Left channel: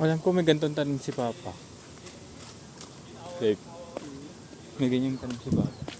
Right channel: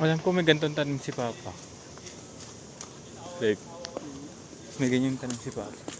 Alam ko may ganitong tanong si Papa. Like, may ganyang tanong si Papa.